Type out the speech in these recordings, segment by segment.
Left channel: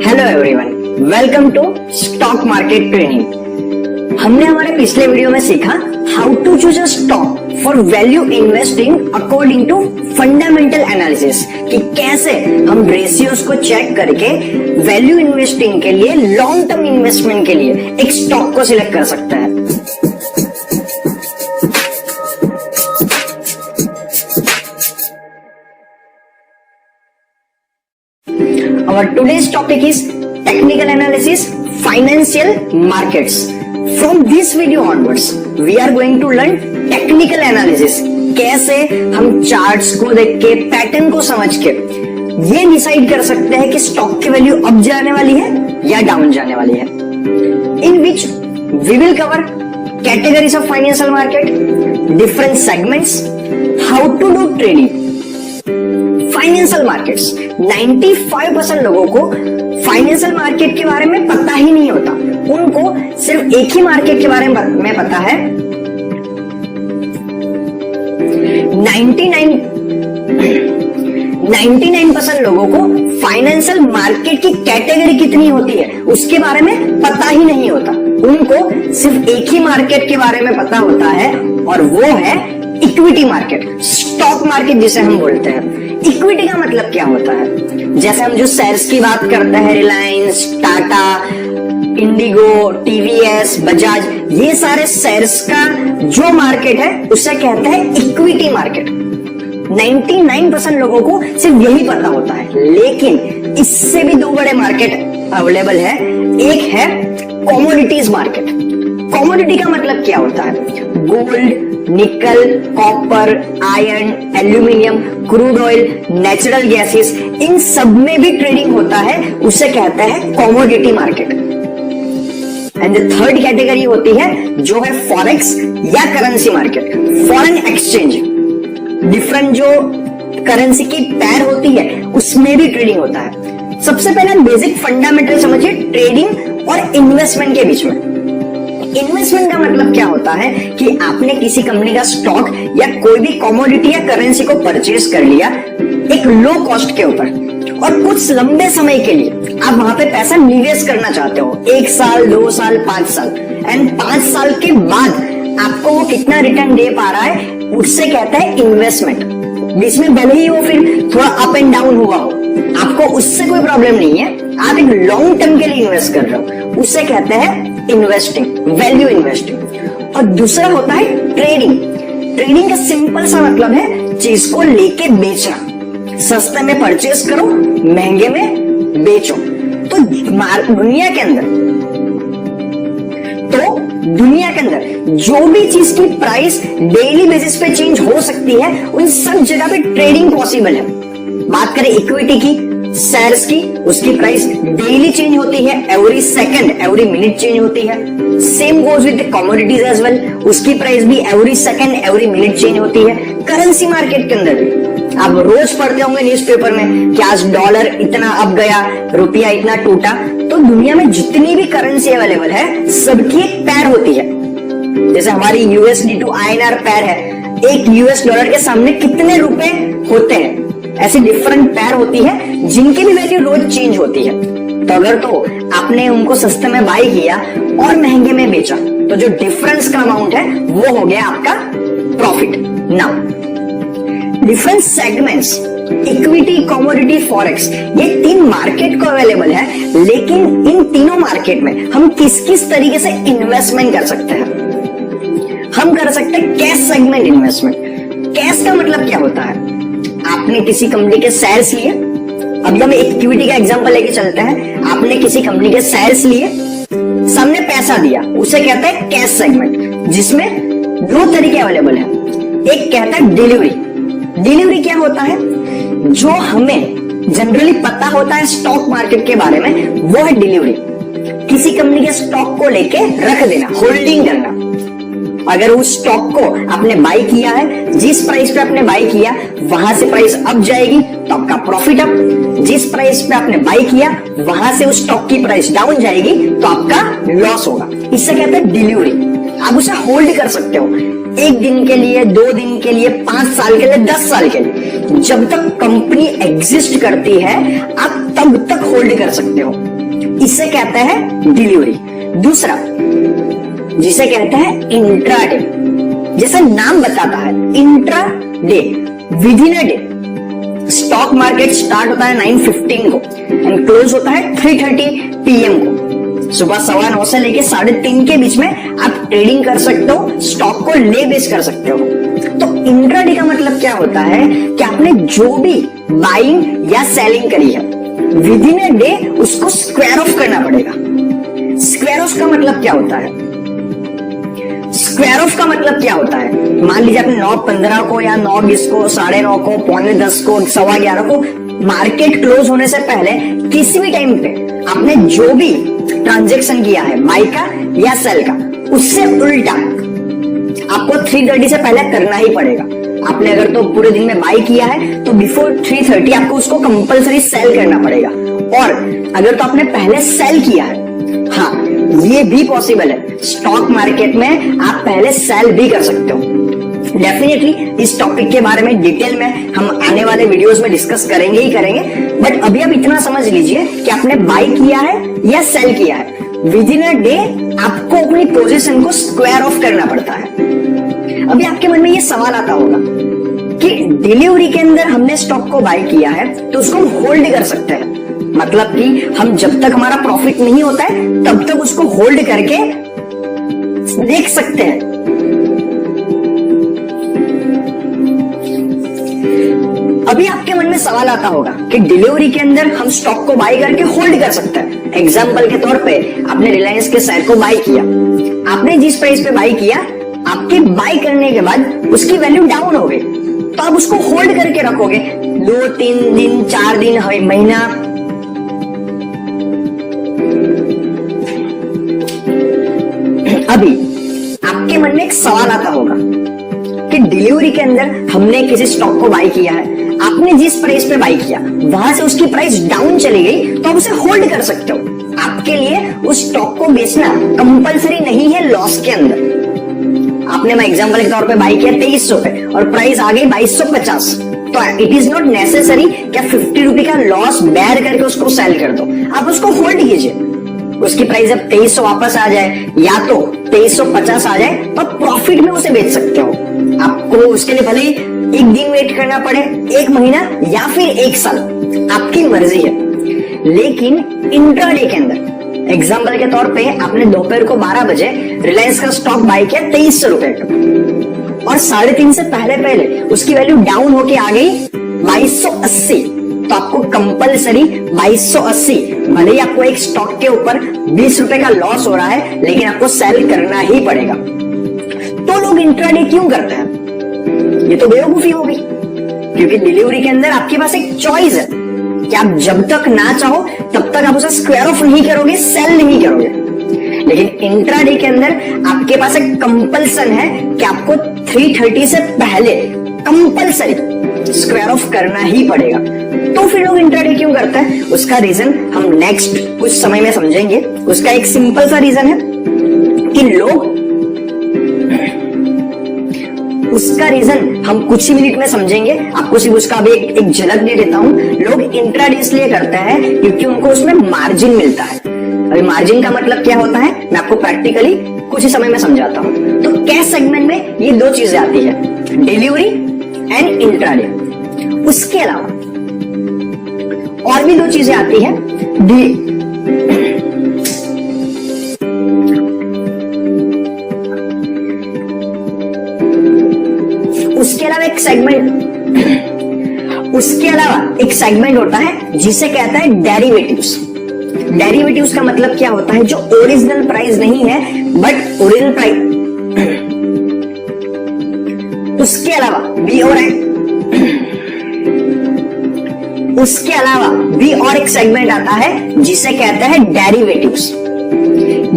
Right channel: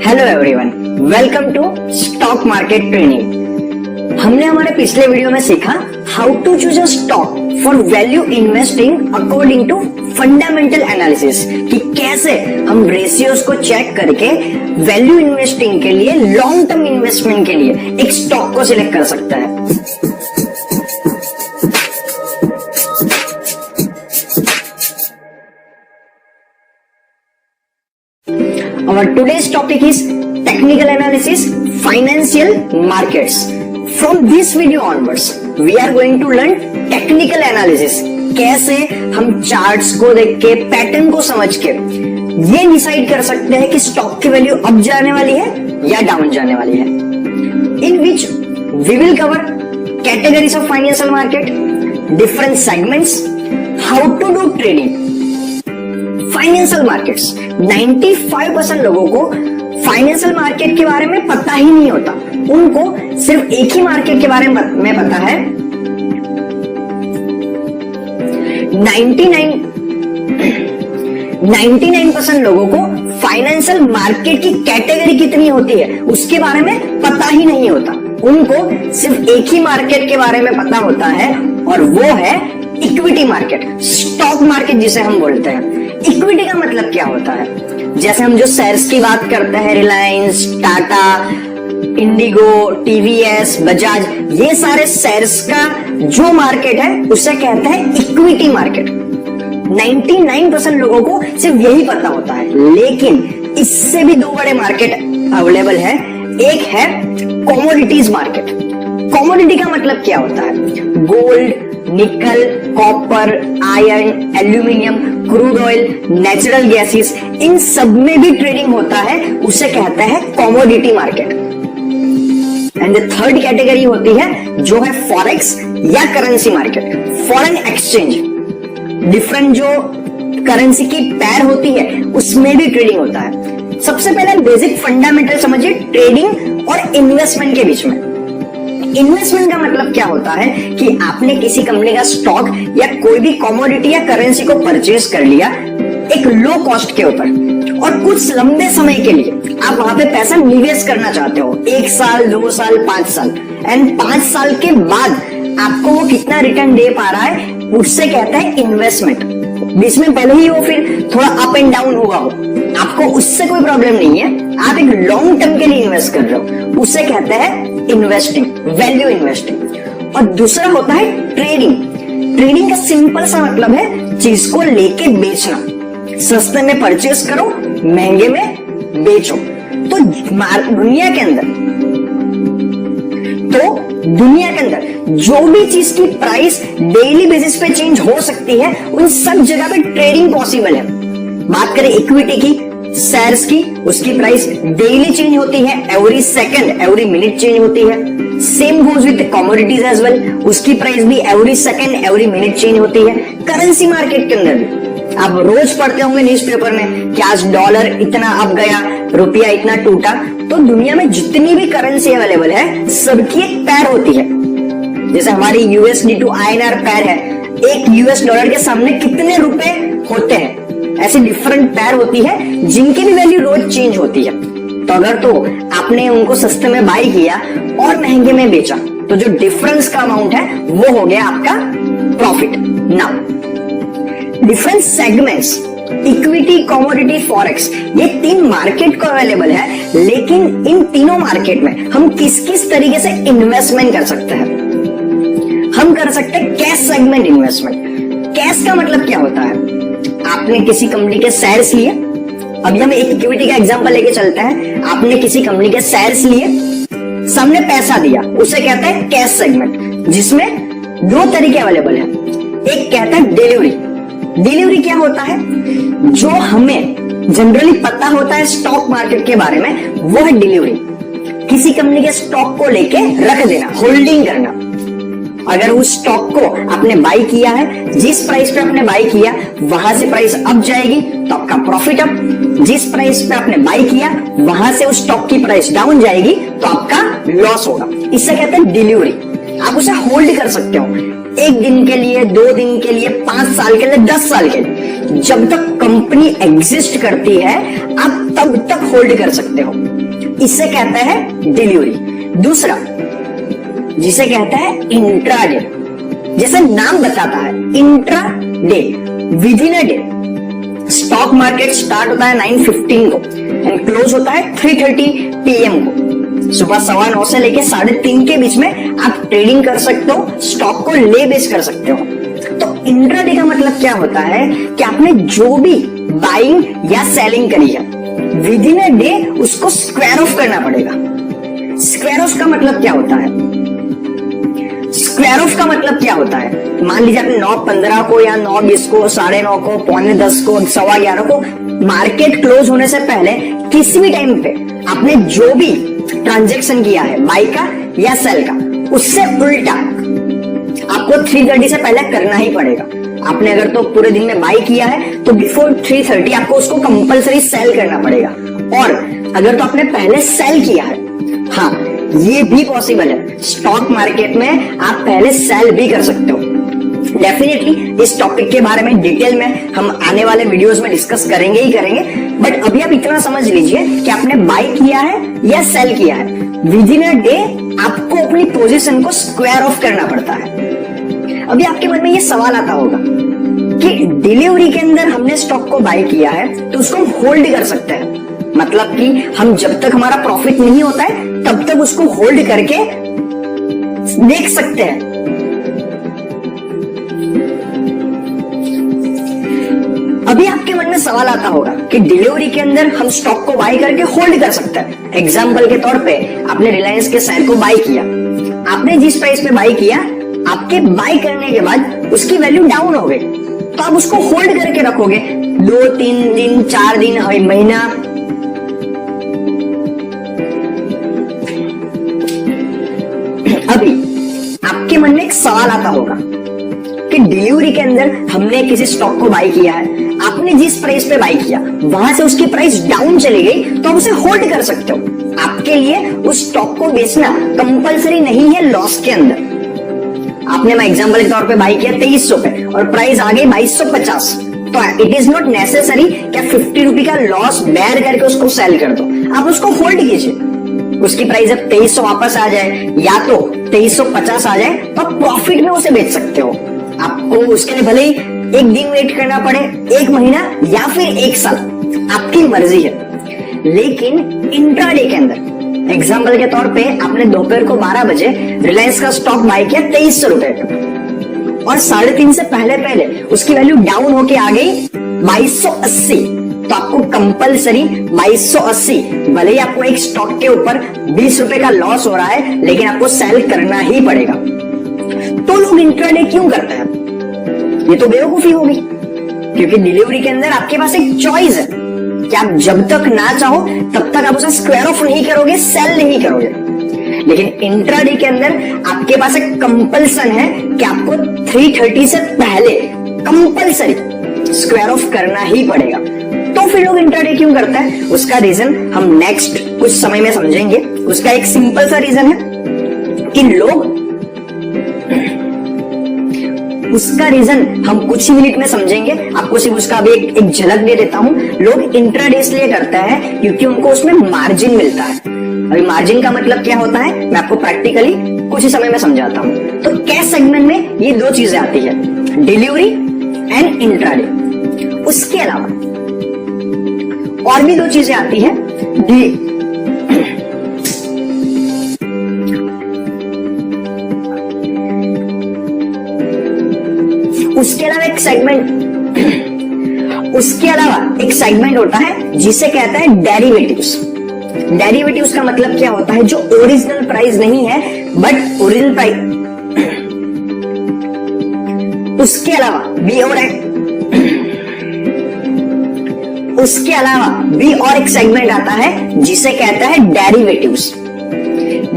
Hello everyone, welcome to stock market training. हमने हमारे पिछले वीडियो में सीखा how to choose a stock for value investing according to fundamental analysis, कि कैसे हम रेशियोज को चेक करके वैल्यू इन्वेस्टिंग के लिए, लॉन्ग टर्म इन्वेस्टमेंट के लिए एक स्टॉक को सिलेक्ट कर सकते हैं। Our today's topic is technical analysis, financial markets. From this video onwards, we are going to learn technical analysis. कैसे हम चार्ट्स को देख के, पैटर्न को समझ के ये डिसाइड कर सकते हैं कि स्टॉक की वैल्यू अप जाने वाली है या डाउन जाने वाली है। In which we will cover categories of financial market, different segments, how to do trading. Financial markets, 95% लोगों को फाइनेंशियल मार्केट के बारे में पता ही नहीं होता। उनको सिर्फ एक ही मार्केट के बारे में पता है। 99% लोगों को फाइनेंशियल मार्केट की कैटेगरी कितनी होती है उसके बारे में पता ही नहीं होता। उनको सिर्फ एक ही मार्केट के बारे में पता होता है और वो है इक्विटी मार्केट, स्टॉक मार्केट जिसे हम बोलते हैं। इक्विटी का मतलब क्या होता है? जैसे हम जो शेयर्स की बात करते हैं, रिलायंस, टाटा, इंडिगो, टीवीएस, बजाज, ये सारे शेयर्स का जो मार्केट है उसे कहते हैं इक्विटी मार्केट। 99% लोगों को सिर्फ यही पता होता है, लेकिन इससे भी दो बड़े मार्केट अवेलेबल है। एक है कमोडिटीज मार्केट। कमोडिटी का मतलब क्या होता है? Gold, nickel, copper, iron, aluminium, crude oil, natural gases, इन सब में भी ट्रेडिंग होता है, उसे कहते हैं commodity market. And the third category होती है जो है फॉरेक्स या currency market, foreign exchange. Different जो करेंसी की पैर होती है उसमें भी ट्रेडिंग होता है। सबसे पहले बेसिक फंडामेंटल समझिए ट्रेडिंग और इन्वेस्टमेंट के बीच में। इन्वेस्टमेंट का मतलब क्या होता है कि आपने किसी कंपनी का स्टॉक या कोई भी कमोडिटी या करेंसी को परचेज कर लिया एक लो कॉस्ट के ऊपर, और कुछ लंबे समय के लिए आप वहां पे पैसा निवेश करना चाहते हो, 1 साल, 2 साल, 5 साल, एंड 5 साल के बाद आपको वो कितना रिटर्न दे पा रहा है उससे कहते हैं इन्वेस्टमेंट। इसमें भले ही वो फिर थोड़ा अप एंड डाउन हुआ हो, आपको उससे कोई प्रॉब्लम नहीं है। आप एक लॉन्ग टर्म के लिए इन्वेस्ट कर रहे हो, उसे कहते हैं इन्वेस्टिंग, वैल्यू इन्वेस्टिंग। और दूसरा होता है ट्रेडिंग। ट्रेडिंग का सिंपल सा मतलब है चीज को लेके बेचना। सस्ते में परचेस करो, महंगे में बेचो। तो दुनिया के अंदर जो भी चीज की प्राइस डेली बेसिस पे चेंज हो सकती है, उन सब जगह पे ट्रेडिंग पॉसिबल है। बात करें इक्विटी की, शेयर्स की, उसकी प्राइस डेली चेंज होती है, every second, every minute change होती है। Same goes with commodities as well, उसकी प्राइस भी every second, every minute change होती है। करेंसी मार्केट के अंदर भी आप रोज पढ़ते होंगे न्यूज़पेपर में कि आज डॉलर इतना अप गया, रुपया इतना टूटा। तो दुनिया में जितनी भी करेंसी अवेलेबल है सबकी एक पैर होती है। जैसे हमारी यूएसडी टू आईएनआर पैर है, एक यूएस डॉलर के सामने कितने रुपए होते हैं, ऐसी डिफरेंट पैर होती है जिनकी भी वैल्यू रोज चेंज होती है। तो अगर तो आपने उनको सस्ते में बाय किया और महंगे में बेचा, तो जो डिफरेंस का अमाउंट है वो हो गया आपका profit. Now different segments, equity, commodity, forex, ये 3 मार्केट को अवेलेबल है। लेकिन इन तीनों मार्केट में हम किस किस तरीके से इन्वेस्टमेंट कर सकते हैं? हम कर सकते हैं कैश सेगमेंट इन्वेस्टमेंट। कैश का मतलब क्या होता है? आपने किसी कंपनी के शेयर्स लिए, अभी हम एक इक्विटी का एग्जांपल लेके चलते हैं। आपने किसी कंपनी के शेयर्स लिए, सामने पैसा दिया, उसे कहते हैं कैश सेगमेंट, जिसमें 2 तरीके अवेलेबल है। एक कहता है डिलीवरी। डिलीवरी क्या होता है? जो हमें जनरली पता होता है स्टॉक मार्केट के बारे में, वो है डिलीवरी। किसी कंपनी के स्टॉक को लेके रख देना, होल्डिंग करना। अगर उस स्टॉक को आपने बाय किया है, जिस प्राइस पे आपने बाय किया वहां से प्राइस अप जाएगी तो आपका प्रॉफिट अप। जिस प्राइस पे आपने बाय किया वहां से उस स्टॉक की प्राइस डाउन जाएगी तो आपका लॉस होगा। इसे कहते हैं डिलीवरी। आप उसे होल्ड कर सकते हो 1 दिन के लिए, 2 दिन के लिए, 5 साल के लिए, 10 साल के लिए। जब तक कंपनी एग्जिस्ट करती है आप तब तक होल्ड कर सकते हो। इसे कहते हैं डिलीवरी। दूसरा जिसे कहते हैं इंट्राडे, जैसे नाम बताता है intraday, with in a day. Stock market start होता है 9:15 को एंड क्लोज होता है 3:30 PM को। सुबह 9:15 से लेके 3:30 के बीच में आप ट्रेडिंग कर सकते हो, स्टॉक को ले बेच कर सकते हो। तो इंट्राडे का मतलब क्या होता है कि आपने जो भी बाइंग या सेलिंग करी है विद इन अ डे उसको स्क्वायर ऑफ करना पड़ेगा। स्क्वायर ऑफ का मतलब क्या होता है? स्क्वायर ऑफ का मतलब क्या होता है? मान लीजिए आपने 9:15 को या 9:20 को, 9:30 को, 9:45 को, 11:15 को मार्केट क्लोज होने से पहले किसी भी टाइम पे आपने जो भी ट्रांजैक्शन किया है बाई का या सेल का, उससे उल्टा आपको 3:30 से पहले करना ही पड़ेगा। आपने अगर तो पूरे दिन में बाई किया है तो बिफोर 3:30 आपको उसको कंपलसरी सेल करना पड़ेगा। और अगर तो आपने पहले सेल किया है, हाँ ये भी पॉसिबल है, स्टॉक मार्केट में आप पहले सेल भी कर सकते हो। डेफिनेटली इस टॉपिक के बारे में डिटेल में हम आने वाले वीडियोस में डिस्कस करेंगे ही करेंगे, बट अभी आप इतना समझ लीजिए कि आपने बाई किया है या सेल किया है, विद इन अ डे आपको अपनी पोजीशन को स्क्वायर ऑफ करना पड़ता है। अभी आपके मन में ये सवाल आता होगा कि डिलीवरी के अंदर हमने स्टॉक को बाई किया है तो उसको हम होल्ड कर सकते हैं, मतलब कि हम जब तक हमारा प्रॉफिट नहीं होता है तब तक उसको होल्ड करके देख सकते हैं। अभी आपके मन में सवाल आता होगा कि डिलीवरी के अंदर हम स्टॉक को बाई करके होल्ड कर सकते हैं। एग्जांपल के तौर पे आपने रिलायंस के शेयर को बाई किया, आपने जिस प्राइस पे बाई किया, आपके बाई करने के बाद उसकी वैल्यू डाउन हो गई तो आप उसको होल्ड करके रखोगे 2-3 दिन, 4 दिन, महीना। अभी आपके मन में एक सवाल आता होगा कि डिलीवरी के अंदर हमने किसी स्टॉक को बाई किया है, आपने जिस प्राइस पे बाई किया वहां से उसकी प्राइस डाउन चली गई तो आप उसे होल्ड कर सकते हो। आपके लिए उस स्टॉक को बेचना कंपलसरी नहीं है लॉस के अंदर। आपने मैं एग्जांपल के तौर पे बाई किया 2300 पे और प्राइस आ गई 2250, तो इट इज नॉट नेसेसरी क्या 50 रुपए का लॉस बैड करके उसको सेल कर दो, आप उसको होल्ड कीजिए। उसकी प्राइस जब 2300 वापस आ जाए या तो 2350 आ जाए तो आप प्रॉफिट में उसे बेच सकते हो। आपको उसके लिए भले ही 1 दिन वेट करना पड़े, 1 महीना या फिर 1 साल, आपकी मर्जी है। लेकिन इंट्राडे के अंदर एग्जाम्पल के तौर पे आपने दोपहर को 12 बजे रिलायंस का स्टॉक बाय किया 2300 रुपए का और 3:30 से पहले उसकी वैल्यू डाउन होके आ गई 2280, तो आपको कंपलसरी 2280, भले ही आपको एक स्टॉक के ऊपर 20 रुपए का लॉस हो रहा है लेकिन आपको सेल करना ही पड़ेगा। तो लोग इंट्राडे क्यों करते हैं? ये तो बेवकूफी होगी, क्योंकि डिलीवरी के अंदर आपके पास एक चॉइस है कि आप जब तक ना चाहो तब तक आप उसे स्क्वायर ऑफ नहीं करोगे, सेल नहीं करोगे। लेकिन इंट्राडे के अंदर आपके पास एक कंपल्सन है कि आपको 3:30 से पहले कंपल्सरी स्क्वायर ऑफ करना ही पड़ेगा। तो फिर लोग इंट्राडे क्यों करते हैं? उसका रीजन हम नेक्स्ट कुछ समय में समझेंगे। उसका एक सिंपल सा रीजन है कि लोग, उसका रीजन हम कुछ ही मिनट में समझेंगे, आपको सिर्फ उसका अभी एक झलक दे देता हूं। लोग इंट्राडे इसलिए करते हैं क्योंकि उनको उसमें मार्जिन मिलता है। अभी मार्जिन का मतलब क्या होता है मैं आपको प्रैक्टिकली कुछ ही समय में समझाता हूं। तो कैश सेगमेंट में ये 2 चीजें आती है, डिलीवरी एंड इंट्राडे। उसके अलावा और भी 2 चीजें आती है, उसके अलावा एक सेगमेंट होता है जिसे कहता है डेरिवेटिव्स। डेरिवेटिव्स का मतलब क्या होता है? जो ओरिजिनल प्राइस नहीं है बट ओरिजिनल प्राइस, उसके अलावा भी और एक सेगमेंट आता है जिसे कहता है डेरिवेटिव्स।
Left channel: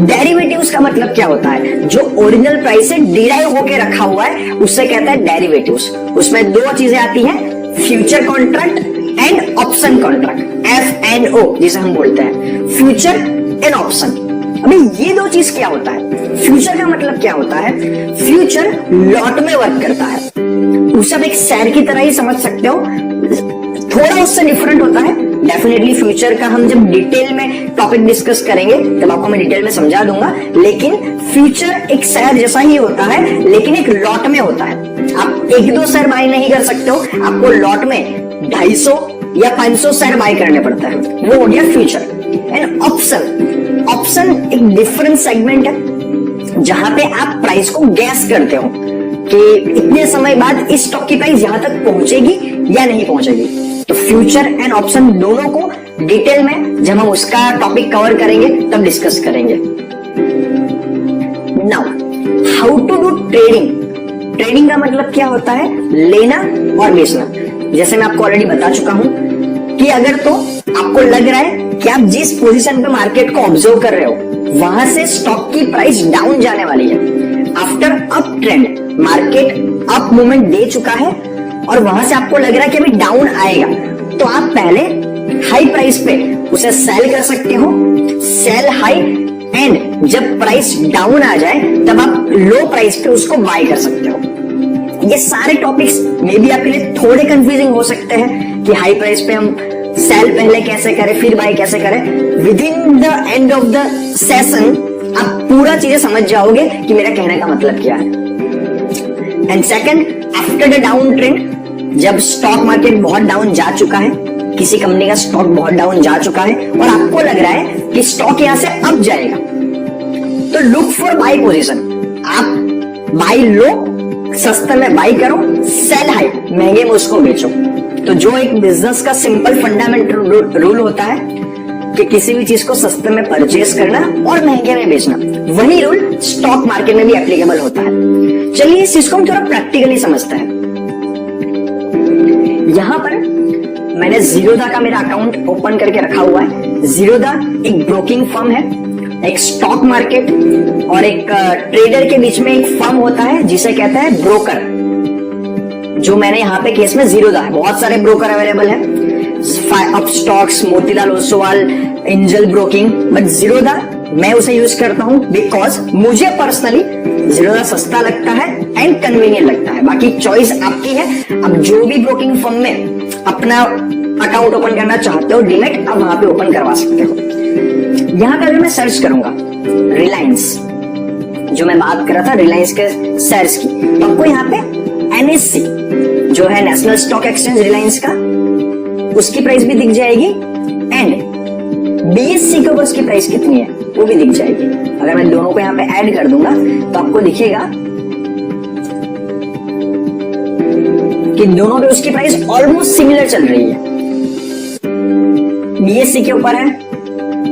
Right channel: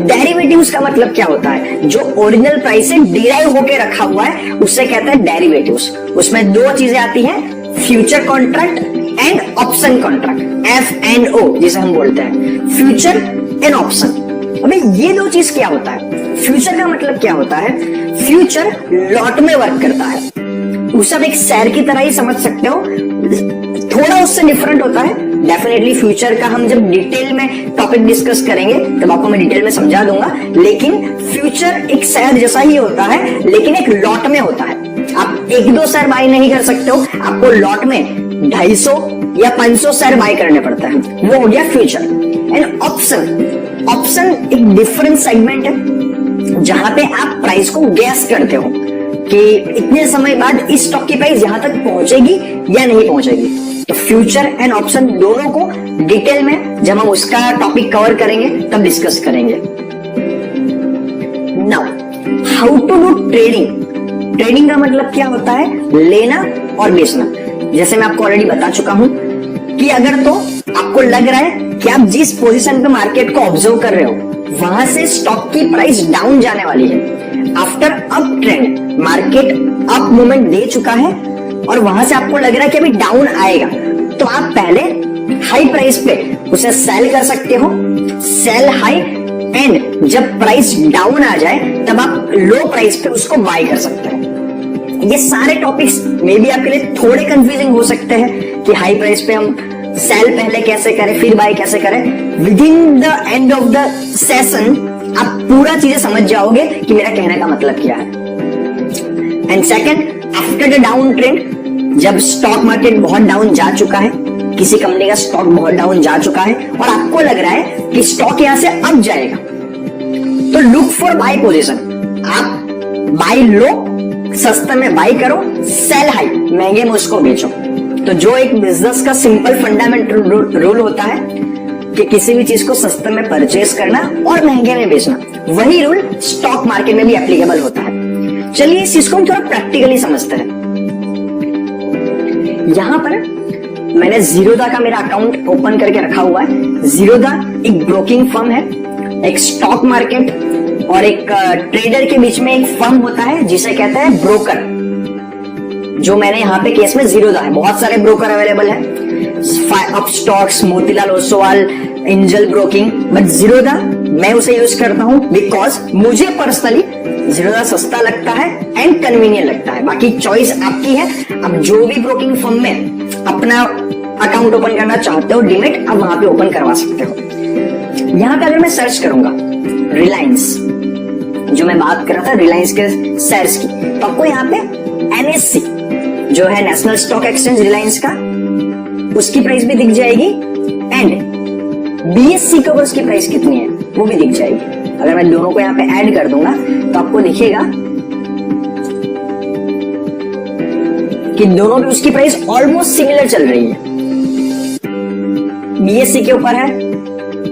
डेरिवेटिव्स का मतलब क्या होता है? जो ओरिजिनल प्राइस से डिराइव होके रखा हुआ है उससे कहता है डेरिवेटिव्स। उसमें 2 चीजें आती हैं, future contract and option contract, FNO जिसे हम बोलते हैं, फ्यूचर एंड ऑप्शन। अबे ये 2 चीज क्या होता है? फ्यूचर का मतलब क्या होता है? फ्यूचर लॉट में वर्क करता है। उसे आप एक शेयर की तरह ही समझ सकते हो, थोड़ा उससे डिफरेंट होता है। डेफिनेटली फ्यूचर का हम जब डिटेल में टॉपिक डिस्कस करेंगे तब आपको मैं डिटेल में समझा दूंगा, लेकिन फ्यूचर एक शेयर जैसा ही होता है, लेकिन एक लॉट में होता है। आप 1-2 शेयर बाय नहीं कर सकते हो, आपको लॉट में 250 या 500 शेयर बाय करने पड़ता है, वो हो गया फ्यूचर। एंड ऑप्शन, ऑप्शन एक डिफरेंट सेगमेंट है जहां पे आप प्राइस को गैस करते हो कि इतने समय बाद इस स्टॉक की प्राइस यहां तक पहुंचेगी या नहीं पहुंचेगी। तो फ्यूचर एंड ऑप्शन दोनों को डिटेल में जब हम उसका टॉपिक कवर करेंगे तब डिस्कस करेंगे। Now how to do trading. Trading का मतलब क्या होता है? लेना और बेचना। जैसे मैं आपको ऑलरेडी बता चुका हूं कि अगर तो आपको लग रहा है कि आप जिस पोजीशन पे मार्केट को ऑब्जर्व कर रहे हो वहां से स्टॉक की प्राइस डाउन जाने वाली है, after up trend market up movement दे चुका है और वहां से आपको लग रहा है कि अभी डाउन आएगा, तो आप पहले हाई प्राइस पे उसे सेल कर सकते हो, सेल हाई, एंड जब प्राइस डाउन आ जाए तब आप लो प्राइस पे उसको बाय कर सकते हो। ये सारे टॉपिक्स मे बी आपके लिए थोड़े कंफ्यूजिंग हो सकते हैं कि हाई प्राइस पे हम सेल पहले कैसे करें फिर बाय कैसे करें। With in the end of the session आप पूरा चीजें समझ जाओगे कि मेरा कहने का मतलब क्या है। And second, after the down trend, जब स्टॉक मार्केट बहुत डाउन जा चुका है, किसी कंपनी का स्टॉक बहुत डाउन जा चुका है और आपको लग रहा है कि स्टॉक यहां से अप जाएगा, तो लुक फॉर बाय पोजीशन। आप बाय लो, सस्ते में बाय करो, सेल हाई, महंगे में उसको बेचो। तो जो एक बिजनेस का सिंपल फंडामेंटल रूल होता है कि किसी भी चीज को सस्ते में परचेस करना और महंगे में बेचना, वही रूल स्टॉक मार्केट में भी एप्लीकेबल होता है। चलिए इस चीज को हम थोड़ा प्रैक्टिकली समझते हैं। यहां पर मैंने जीरोधा का मेरा अकाउंट ओपन करके रखा हुआ है। जीरोधा एक ब्रोकिंग फर्म है, एक स्टॉक मार्केट और एक ट्रेडर के बीच में एक फर्म होता है जिसे कहते हैं ब्रोकर। जो मैंने यहाँ पे केस में जीरोधा है, बहुत सारे ब्रोकर अवेलेबल है, Upstox, Motilal Oswal, angel broking, but Zerodha मैं उसे यूज करता हूं बिकॉज मुझे पर्सनली जीरोधा सस्ता लगता है एंड कन्वीनियंट लगता है। बाकी चॉइस आपकी है, आप जो भी ब्रोकिंग फर्म में अपना अकाउंट ओपन करना चाहते हो डीमैट, आप वहां पे ओपन करवा सकते हो। यहां पर अगर मैं सर्च करूंगा रिलायंस, जो मैं बात कर रहा था रिलायंस के शेयर्स की, तो आपको यहाँ पे NSE जो है नेशनल स्टॉक एक्सचेंज रिलायंस का, उसकी प्राइस भी दिख जाएगी एंड BSE के ऊपर उसकी प्राइस कितनी है वो भी दिख जाएगी। अगर मैं दोनों को यहाँ पे ऐड कर दूंगा तो आपको दिखेगा कि दोनों पे उसकी प्राइस ऑलमोस्ट सिमिलर चल रही है। BSE के ऊपर है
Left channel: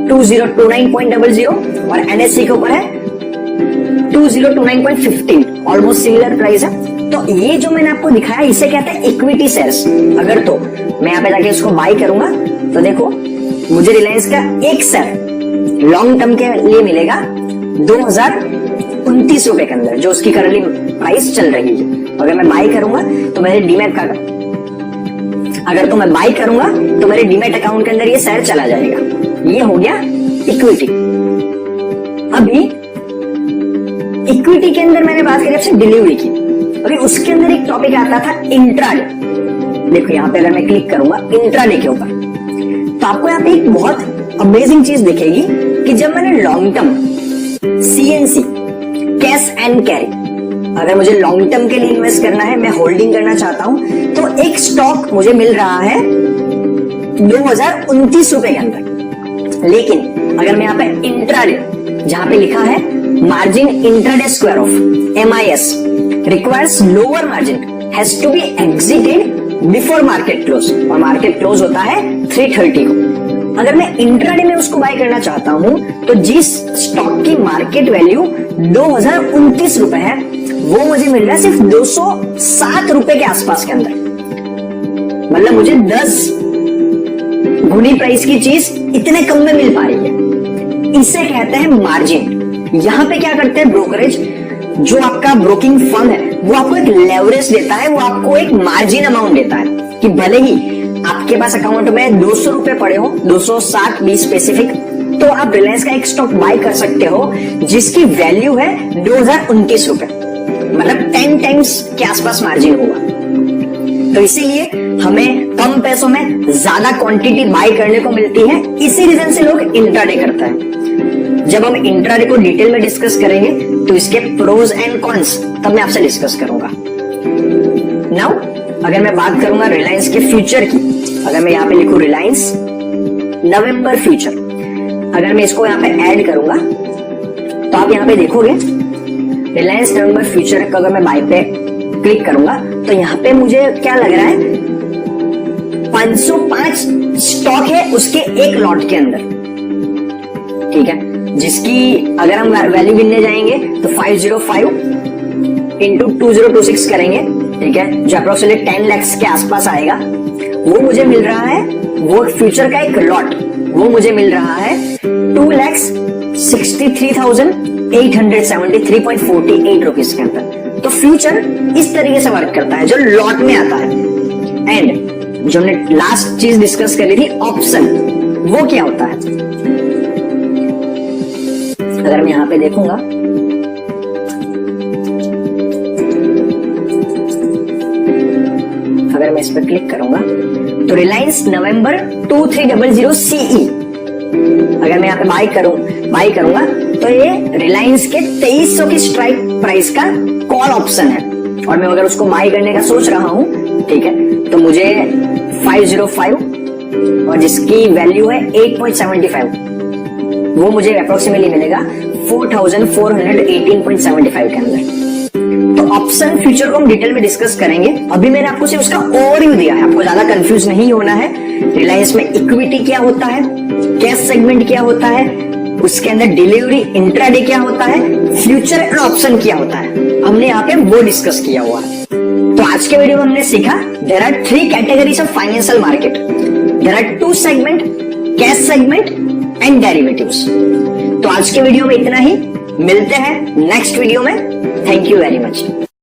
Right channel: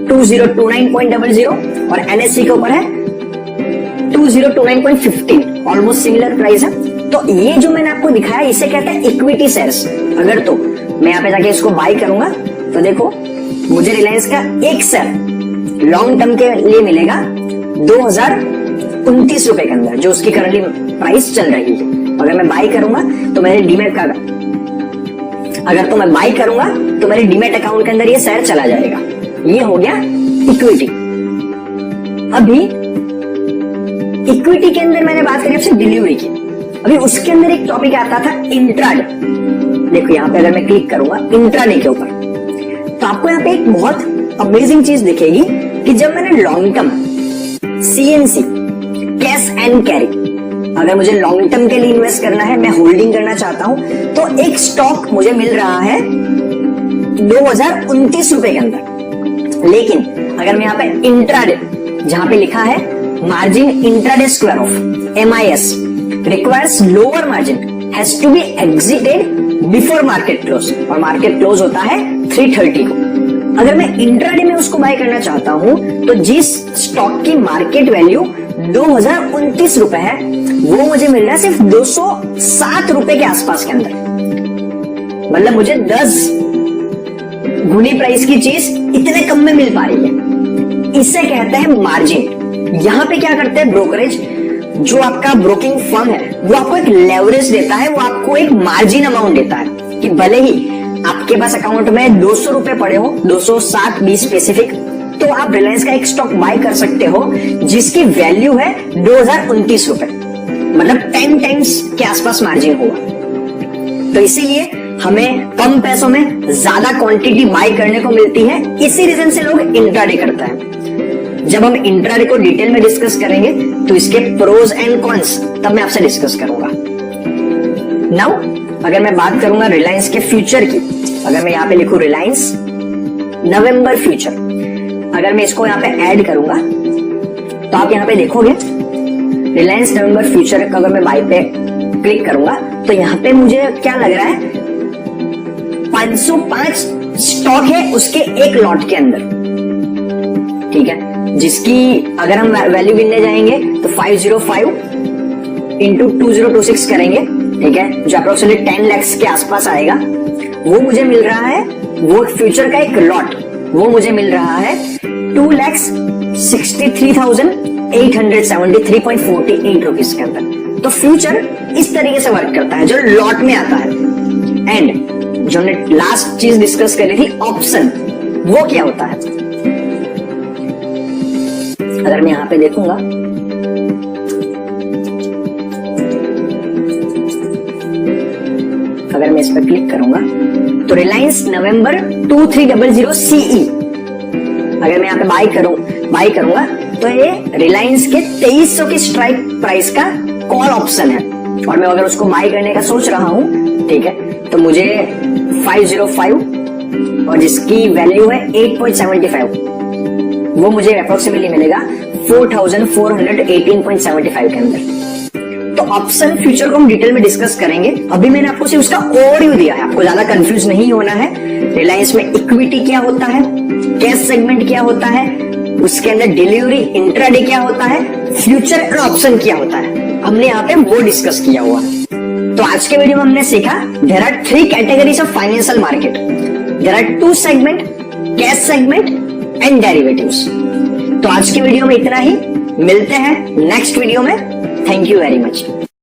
2029.00 और NSE के ऊपर है 2029.15, ऑलमोस्ट सिमिलर प्राइस है। तो ये जो मैंने आपको दिखाया इसे कहते हैं इक्विटी शेयर्स। अगर तो मैं यहाँ पे जाके इसको बाय करूंगा तो देखो मुझे रिलायंस का एक शेयर लॉन्ग टर्म के लिए मिलेगा 2029 रुपए के अंदर, जो उसकी करंटली प्राइस चल रही है। अगर मैं बाय करूंगा तो मेरे डीमैट का, अगर तो मैं बाय करूंगा तो मेरे डीमैट अकाउंट के अंदर ये शेयर चला जाएगा। ये हो गया इक्विटी। अभी इक्विटी के अंदर मैंने बात करी आपसे डिलीवरी की, अभी उसके अंदर एक टॉपिक आता था इंट्राडे। देखो यहाँ पे अगर मैं क्लिक करूंगा इंट्राडे के ऊपर, तो आपको यहाँ पे एक बहुत अमेजिंग चीज दिखेगी कि जब मैंने long term CNC cash and carry, अगर मुझे लॉन्ग टर्म के लिए इन्वेस्ट करना है, मैं होल्डिंग करना चाहता हूं, तो एक स्टॉक मुझे मिल रहा है 2029 रुपए के अंदर। लेकिन अगर मैं यहाँ पे इंट्राडे, जहां पे लिखा है margin intraday square of MIS requires lower margin has to be exited before market close, और मार्केट क्लोज होता है 3:30 को। अगर मैं इंट्राडे में उसको बाय करना चाहता हूं तो जिस स्टॉक की मार्केट वैल्यू 2029 रुपए है वो मुझे मिल रहा है सिर्फ 207 रुपए के आसपास के अंदर। मतलब मुझे 10 गुनी प्राइस की चीज इतने कम में मिल पा रही है। इसे कहते हैं मार्जिन। यहां पे क्या करते हैं ब्रोकरेज, जो आपका ब्रोकिंग फर्म है वो आपको एक लेवरेज देता है, वो आपको एक मार्जिन अमाउंट देता है कि भले ही आपके पास अकाउंट में 200 रुपए पड़े हो, 207 बी स्पेसिफिक, तो आप रिलायंस का एक स्टॉक बाय कर सकते हो जिसकी वैल्यू है 2029 रुपए, मतलब 10 टाइम्स के आसपास मार्जिन होगा। तो इसीलिए हमें कम पैसों में ज्यादा क्वांटिटी बाय करने को मिलती है, इसी रीजन से लोग इंट्राडे करता है। जब हम इंट्राडे को डिटेल में डिस्कस करेंगे तो इसके प्रोज एंड कॉन्स तब मैं आपसे डिस्कस करूंगा। नाउ अगर मैं बात करूंगा रिलायंस के फ्यूचर की, अगर मैं यहाँ पे लिखूं रिलायंस नवंबर फ्यूचर, अगर मैं इसको यहाँ पे ऐड करूंगा तो आप यहाँ पे देखोगे रिलायंस नवंबर फ्यूचर का अगर मैं बाय पे क्लिक करूंगा तो यहाँ पे मुझे क्या लग रहा है 505 स्टॉक है उसके एक लॉट के अंदर, ठीक है, जिसकी अगर हम वैल्यू गिनने जाएंगे तो 505 इंटू 2026 करेंगे, ठीक है, जो अप्रोक्सीमेटली 10 लाख के आसपास आएगा। वो मुझे मिल रहा है, वो फ्यूचर का एक लॉट वो मुझे मिल रहा है 2,63,873.48 रुपीज के अंदर। तो फ्यूचर इस तरीके से वर्क करता है जो लॉट में आता है। एंड जो हमने लास्ट चीज डिस्कस करी थी ऑप्शन, वो क्या होता है, अगर मैं यहां पे देखूंगा अगर मैं इस पर क्लिक करूंगा तो रिलायंस नवंबर 2300 CE अगर मैं यहां पे बाय करूंगा तो ये रिलायंस के 2300 की स्ट्राइक प्राइस का कॉल ऑप्शन है और मैं अगर उसको बाय करने का सोच रहा हूं, ठीक है, तो मुझे 505 और जिसकी वैल्यू है 8.75 वो मुझे अप्रोक्सीमेटली मिलेगा 4,418.75 के अंदर। तो ऑप्शन फ्यूचर को हम डिटेल में डिस्कस करेंगे, अभी मैंने आपको सिर्फ उसका ओवरव्यू दिया है, आपको ज्यादा कंफ्यूज नहीं होना है। रिलायंस में इक्विटी क्या होता है, कैश सेगमेंट क्या होता है, उसके अंदर डिलीवरी इंट्राडे क्या होता है, फ्यूचर एंड ऑप्शन क्या होता है, हमने यहाँ पे वो डिस्कस किया हुआ है। तो आज के वीडियो में हमने सीखा there are 3 categories of financial market, there are 2 segment, cash segment and derivatives. तो आज के वीडियो में इतना ही, मिलते हैं नेक्स्ट वीडियो में। Thank you very much.